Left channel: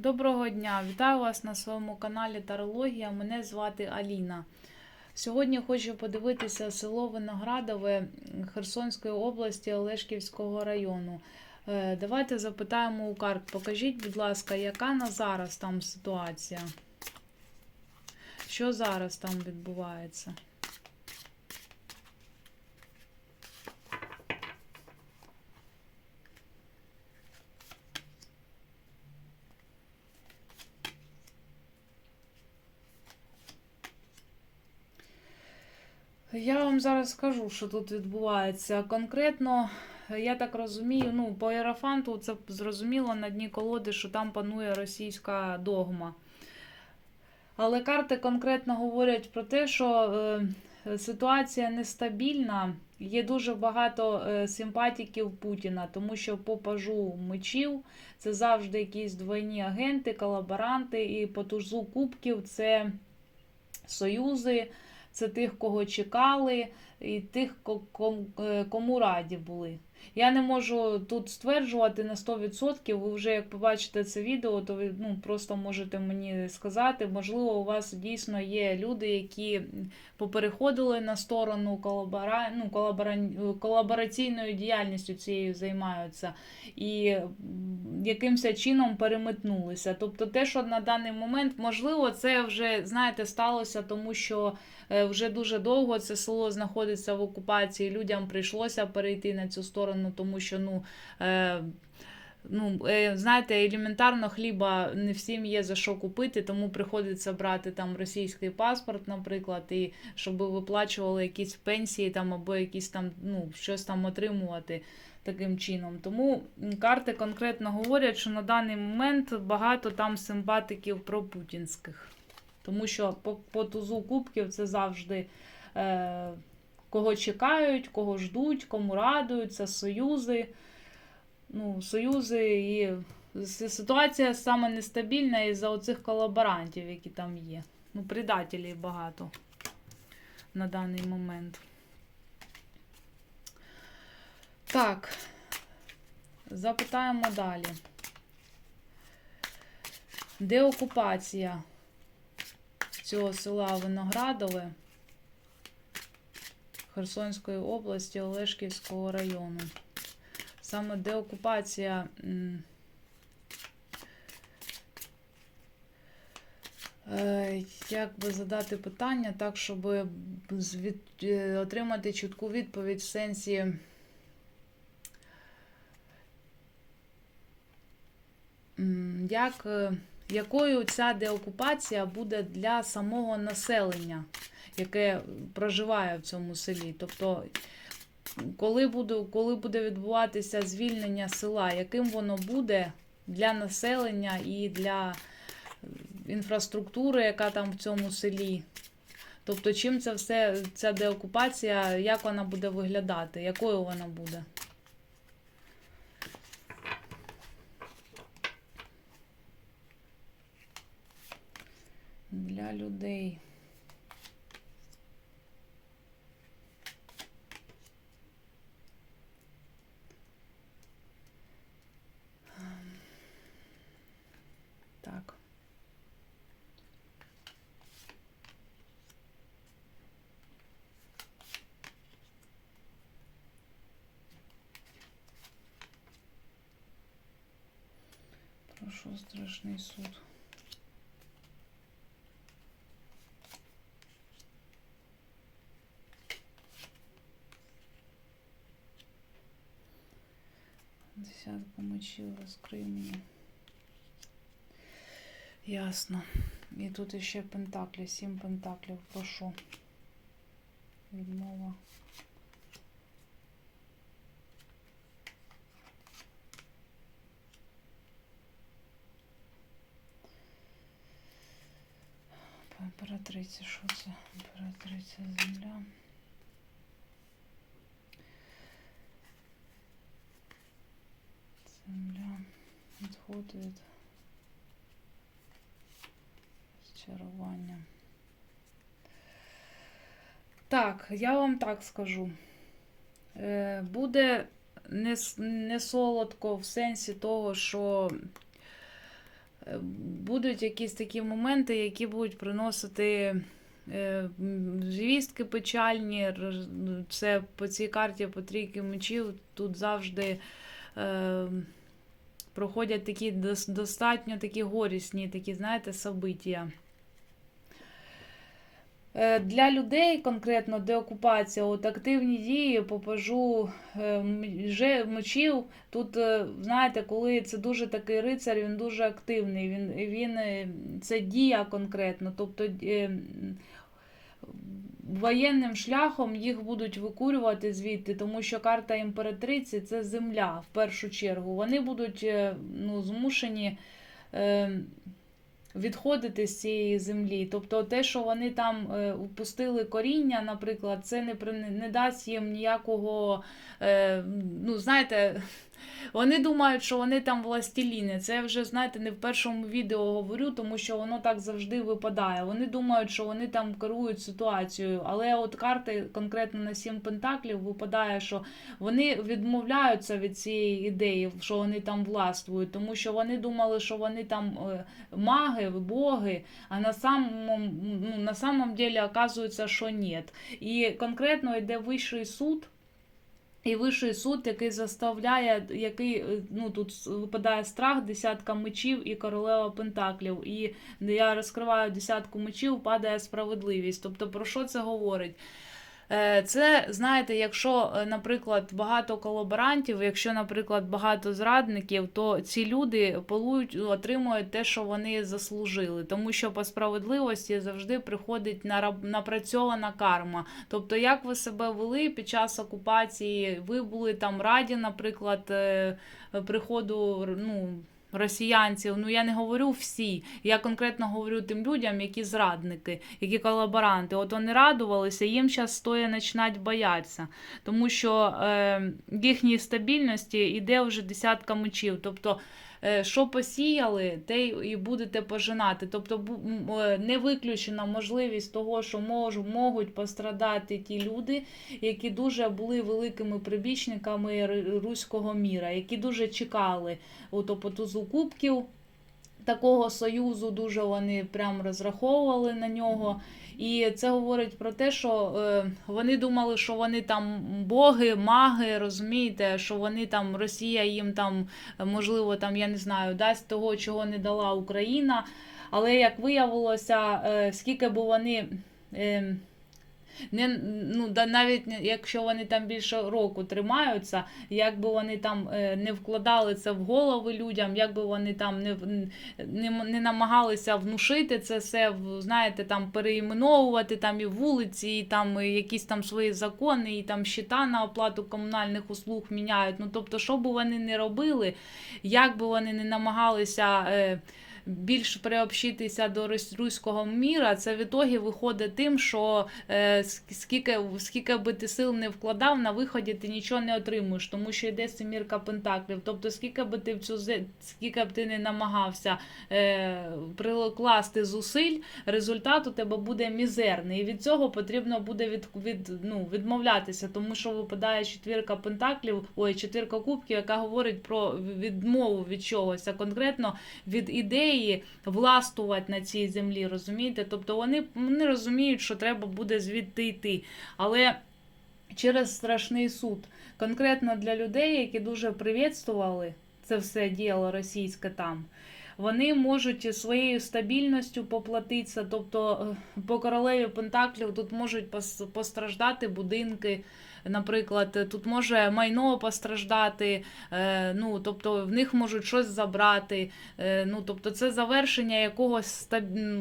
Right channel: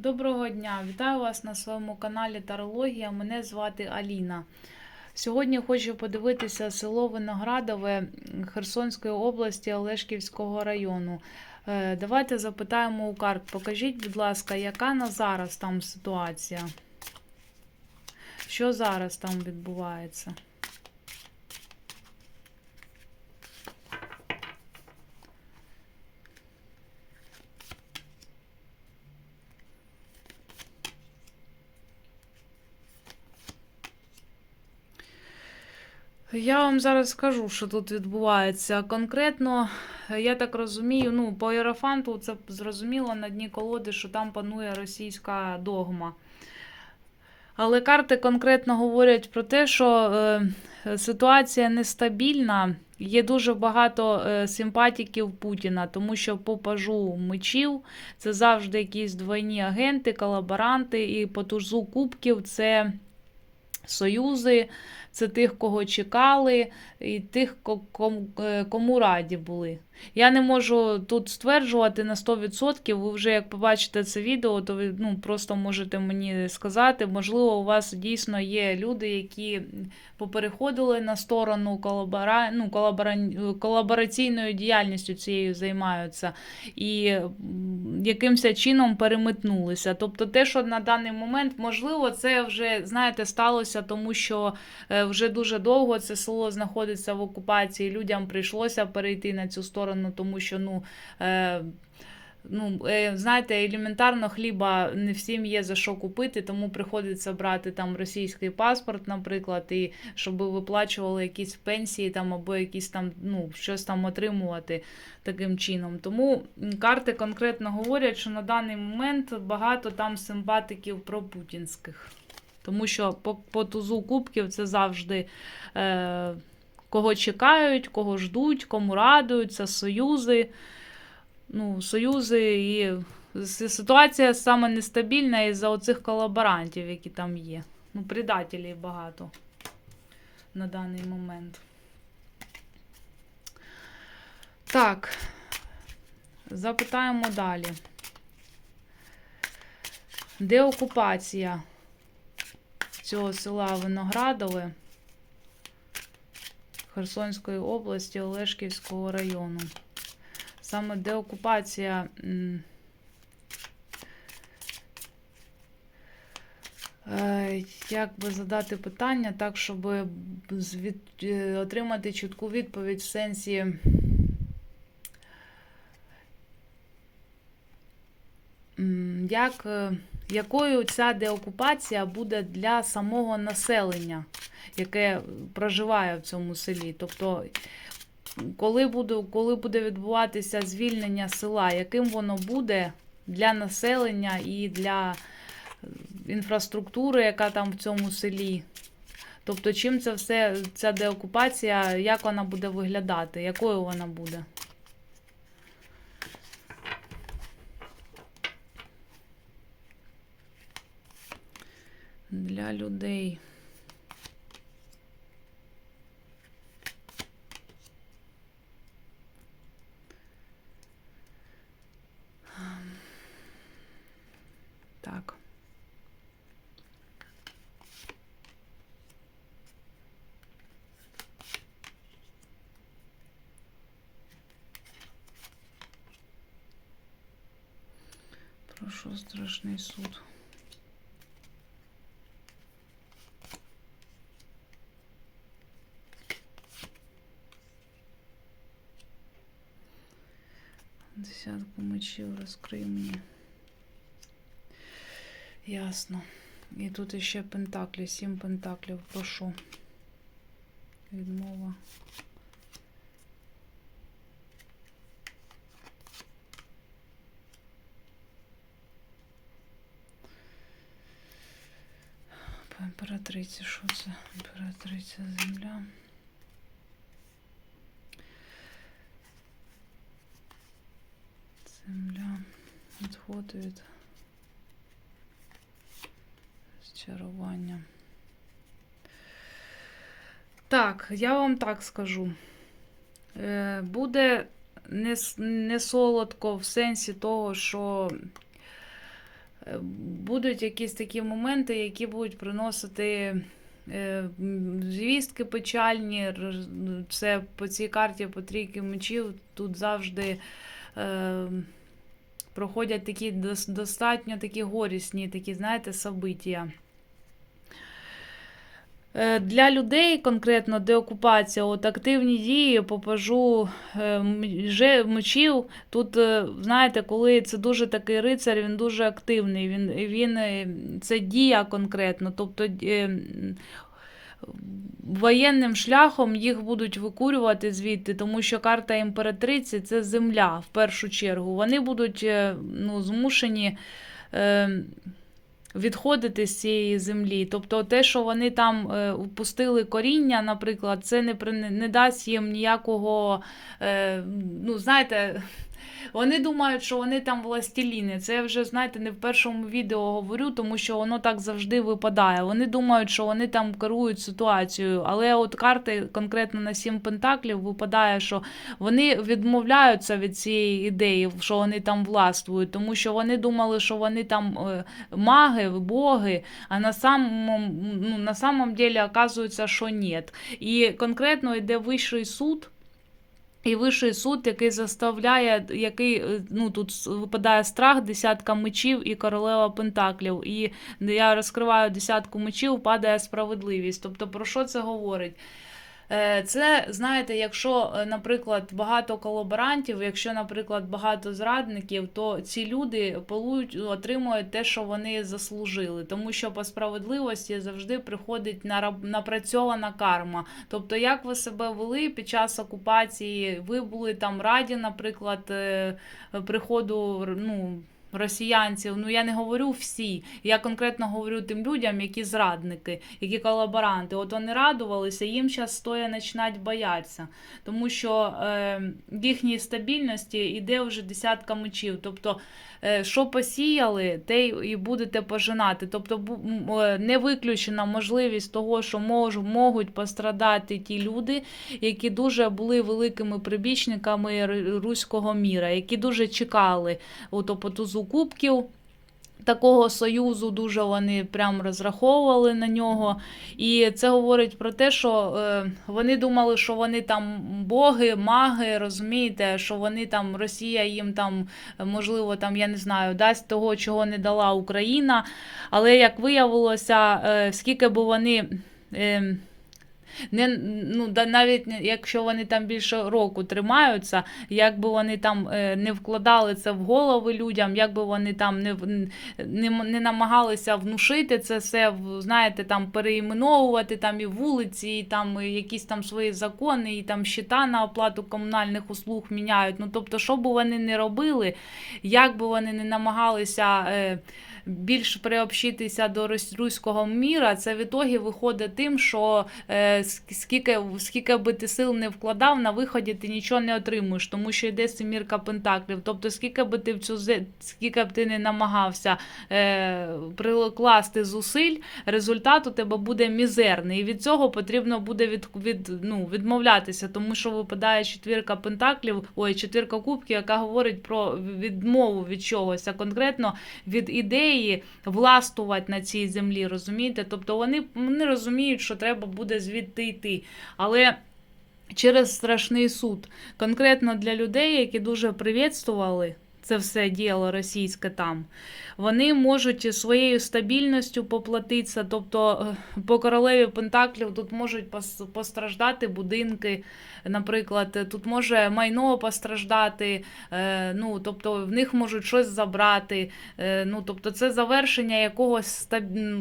Доброго дня! Вітаю вас на своєму каналі Тарологія. Мене звати Аліна. Сьогодні хочу подивитися село Виноградове Херсонської області Олешківського району. Е, Давайте запитаємо у карт. Покажіть, будь ласка, яка на зараз там ситуація? Що зараз там відбувається? Я вам зараз скажу, що тут відбувається. Конкретно, я так розумію, ну, по Єрофанту це зрозуміло на дні колоди, що там панує російська догма. Але карти конкретно говорять про те, що е, ситуація нестабільна. Є дуже багато е, симпатиків Путіна, тому що по пажу мечів це завжди якісь двойні агенти, колаборанти, і по тузу кубків це союзи, це тих, кого чекали, і тих, е, кому раді були. Я не можу тут стверджувати на 100%. Ви вже як побачите це відео, то ви ну, просто можете мені сказати. Можливо, у вас дійсно є люди, які попереходили на сторону колабора... ну, колабора... колабораційною діяльністю цією займаються і якимось чином переметнулися. Тобто, те, що на даний момент, можливо, це вже знаєте, сталося, тому що е, вже дуже довго це село знаходиться в окупації. Людям прийшлося перейти на цю сторону, тому що ну. Е, Ну, е, знаєте, елементарно хліба не всім є за що купити, тому приходиться брати там російський паспорт, наприклад, і щоб виплачували якісь пенсії там або якісь там, ну, щось там отримувати таким чином. Тому карти конкретно говорять, що на даний момент багато там симпатиків пропутінських. Тому що по, по тузу кубків це завжди е, кого чекають, кого ждуть, кому радуються, союзи. Ну, союзи і ситуація саме нестабільна із-за оцих колаборантів, які там є. Ну, предателів багато на даний момент. Так, запитаємо далі. Де окупація цього села Виноградове Херсонської області Олешківського району? Саме деокупація. е, Як би задати питання так, щоб е, отримати чітку відповідь в сенсі. Як, е, якою ця деокупація буде для самого населення, яке проживає в цьому селі? Тобто, коли буде, коли буде відбуватися звільнення села, яким воно буде для населення і для е, інфраструктури, яка там в цьому селі? Тобто, чим це все, ця деокупація, як вона буде виглядати, якою вона буде? Для людей. Так. Прошу страшний суд. Десятку мечів розкрий мені. Ясно. І тут іще пентаклі, сім пентаклів, прошу. Відмова. По імператриці, що це? Імператриця земля. Земля. Відход від Чарування. Так, я вам так скажу. Е, Буде не солодко в сенсі того, що будуть якісь такі моменти, які будуть приносити е, звістки печальні. Це по цій карті по трійки мечів тут завжди. Е, проходять такі достатньо такі горісні, такі, знаєте, события. Е, Для людей конкретно деокупація, от активні дії по пажу е, мечів. Тут, е, знаєте, коли це дуже такий рицар, він дуже активний. Він, він це дія конкретно. Тобто воєнним шляхом їх будуть викурювати звідти, тому що карта імператриці це земля в першу чергу. Вони будуть ну, змушені. Відходити з цієї землі. Тобто те, що вони там е, впустили коріння, наприклад, це не, не дасть їм ніякого. Е, ну, знаєте, вони думають, що вони там властеліни. Це я вже, знаєте, не в першому відео говорю, тому що воно так завжди випадає. Вони думають, що вони там керують ситуацією. Але от карти конкретно на сім пентаклів випадає, що вони відмовляються від цієї ідеї, що вони там властвують, тому що вони думали, що вони там е, маги, боги, а на самом, ну, на самом деле оказується, що ні. І конкретно йде вищий суд. І вищий суд, який заставляє, який е, ну тут випадає страх, десятка мечів і королева пентаклів. І я розкриваю десятку мечів, падає справедливість. Тобто, про що це говорить? Е, Це, знаєте, якщо, е, наприклад, багато колаборантів, якщо, наприклад, багато зрадників, то ці люди полують, отримують те, що вони заслужили. Тому що по справедливості завжди приходить напрацьована карма. Тобто, як ви себе вели під час окупації, ви були там раді, наприклад, е, приходу ну, росіянців. Ну я не говорю всі. Я конкретно говорю тим людям, які зрадники, які колаборанти. От вони радувалися, їм зараз стоя починать боятися, тому що е, їхній стабільності йде вже десятка мечів. Тобто, що посіяли, те і будете пожинати. Тобто, е, не виключена можливість того, що мож, можуть пострадати ті люди, які дуже були великими прибічниками руського міра, які дуже чекали у по тузу кубків. Такого союзу дуже вони прям розраховували на нього. І це говорить про те, що е, вони думали, що вони там боги, маги, розумієте, що вони там, Росія їм там, можливо, там, я не знаю, дасть того, чого не дала Україна. Але як виявилося, е, скільки б вони. Е, не, ну, да, навіть якщо вони там більше року тримаються, як би вони там е, не вкладали це в голови людям, як би вони там не, не, не намагалися внушити це все, знаєте, там переіменовувати там і вулиці, і там і якісь там свої закони, і там щита на оплату комунальних услуг міняють. Ну тобто, що би вони не робили, як би вони не намагалися. Більш приобщитися до руського міра, це в ітогі виходить тим, що е, ск- скільки, скільки би ти сил не вкладав, на виході ти нічого не отримуєш, тому що йде семірка пентаклів. Тобто, скільки би ти в цю скільки б ти не намагався е, прикласти зусиль, результат у тебе буде мізерний. І від цього потрібно буде від, від, ну, відмовлятися, тому що випадає четвірка пентаклів, ой, четвірка кубків, яка говорить про відмову від чогось, а конкретно від ідеї властвувати на цій землі, розумієте? Тобто вони, вони розуміють, що треба буде звідти йти. Але через страшний суд, конкретно для людей, які дуже привітствували це все діло російське там, вони можуть своєю стабільністю поплатитися. Тобто е, по королеві Пентаклів тут можуть постраждати будинки. Наприклад, тут може майно постраждати, е, ну тобто в них можуть щось забрати. Е, ну тобто, це завершення якогось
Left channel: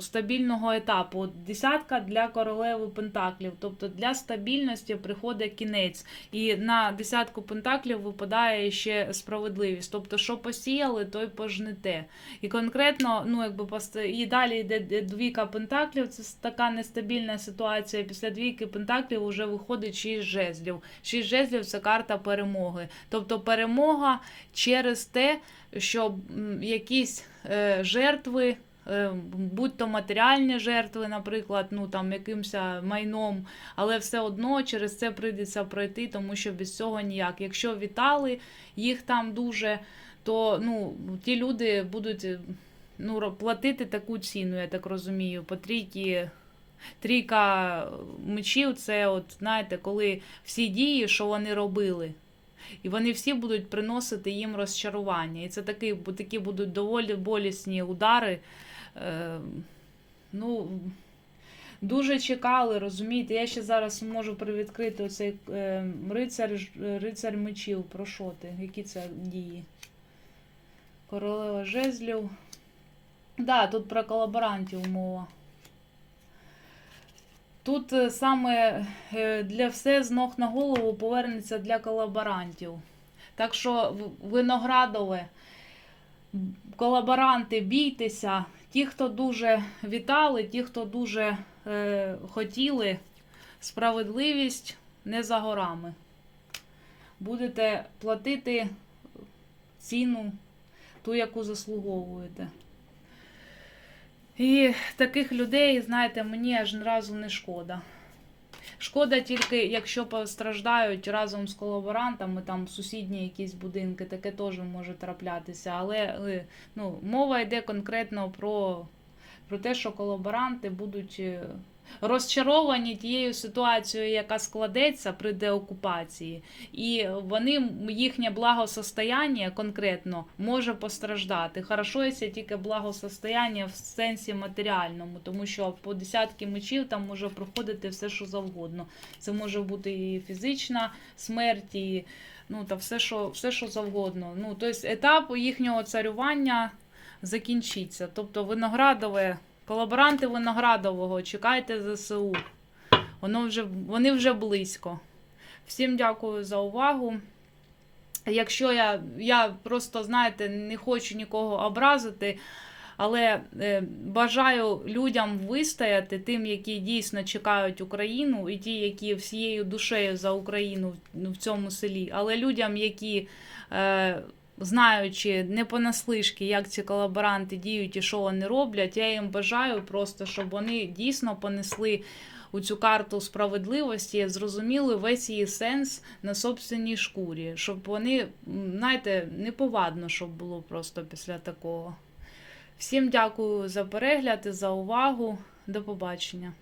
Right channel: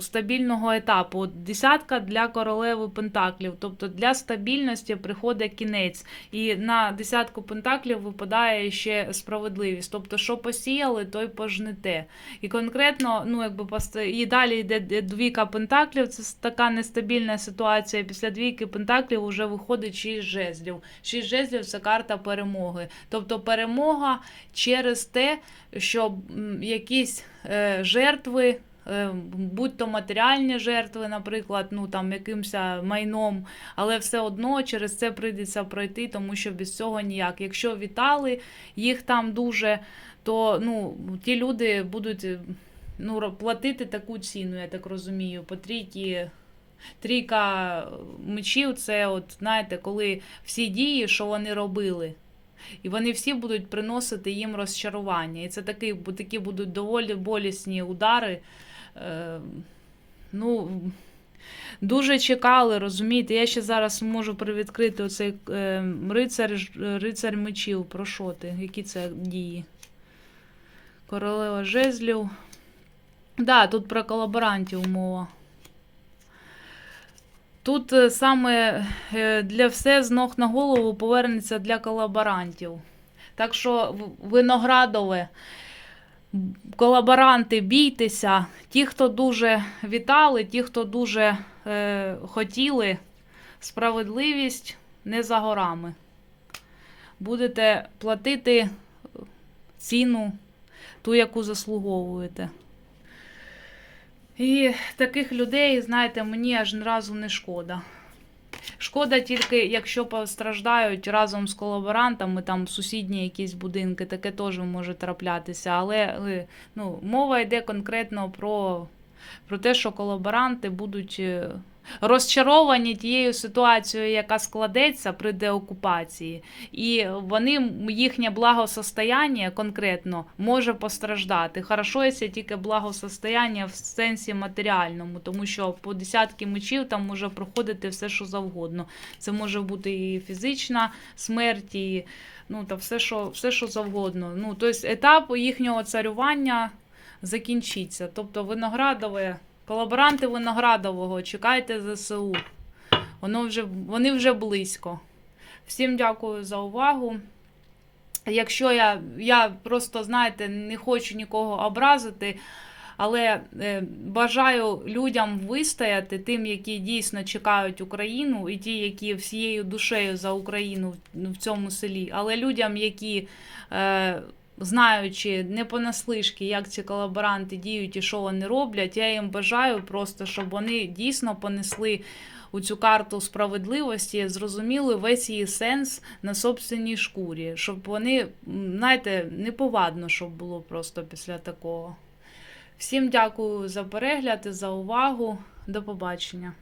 стабільного етапу. Десятка для королеви Пентаклів, тобто для стабільності приходить кінець. І на десятку Пентаклів випадає ще справедливість. Тобто, що посіяли, то й пожнете. І конкретно, ну якби і далі йде двійка пентаклів. Це така нестабільна ситуація. Після двійки пентаклів вже виходить шість жезлів. Шість жезлів це карта перемоги. Тобто перемога через те, що якісь е, жертви. е, Будь то матеріальні жертви, наприклад, ну там якимось майном, але все одно через це прийдеться пройти, тому що без цього ніяк. Якщо вітали їх там дуже, то ну ті люди будуть е, ну, платити таку ціну, я так розумію, по трійки. Трійка мечів це, от, знаєте, коли всі дії, що вони робили, і вони всі будуть приносити їм розчарування. І це такі, такі будуть доволі болісні удари. Е, ну, дуже чекали, розумієте? Я ще зараз можу привідкрити оцей е, рицар, рицар мечів. Про що ти? Які це дії? Королева жезлів. Да, тут про колаборантів мова. Тут е, саме е, для все з ног на голову повернеться для колаборантів. Так що виноградове, колаборанти, бійтеся. Ті, хто дуже вітали, ті, хто дуже е, хотіли, справедливість не за горами. Будете платити ціну, ту, яку заслуговуєте. І таких людей, знаєте, мені аж ні разу не шкода. Шкода тільки, якщо постраждають разом з колаборантами, там сусідні якісь будинки, таке теж може траплятися. Але е, ну, мова йде конкретно про, про те, що колаборанти будуть е, розчаровані тією ситуацією, яка складеться при деокупації. І вони, їхнє благосостояння конкретно може постраждати. Якщо тільки благосостояння в сенсі матеріальному, тому що по десятки мечів там може проходити все, що завгодно. Це може бути і фізична смерть, і ну, та все, що, все, що завгодно. Ну, тобто етап їхнього царювання закінчиться. Тобто виноградове, колаборанти виноградового, чекайте ЗСУ. Воно вже, вони вже близько. Всім дякую за увагу. Якщо я, я просто, знаєте, не хочу нікого образити, але е, бажаю людям вистояти, тим, які дійсно чекають Україну, і ті, які всією душею за Україну в, цьому селі, але людям, які. Е, Знаючи не понаслишки, як ці колаборанти діють і що вони роблять, я їм бажаю просто, щоб вони дійсно понесли у цю карту справедливості, зрозуміли весь її сенс на собственній шкурі, щоб вони, знаєте, неповадно, щоб було просто після такого. Всім дякую за перегляд і за увагу. До побачення.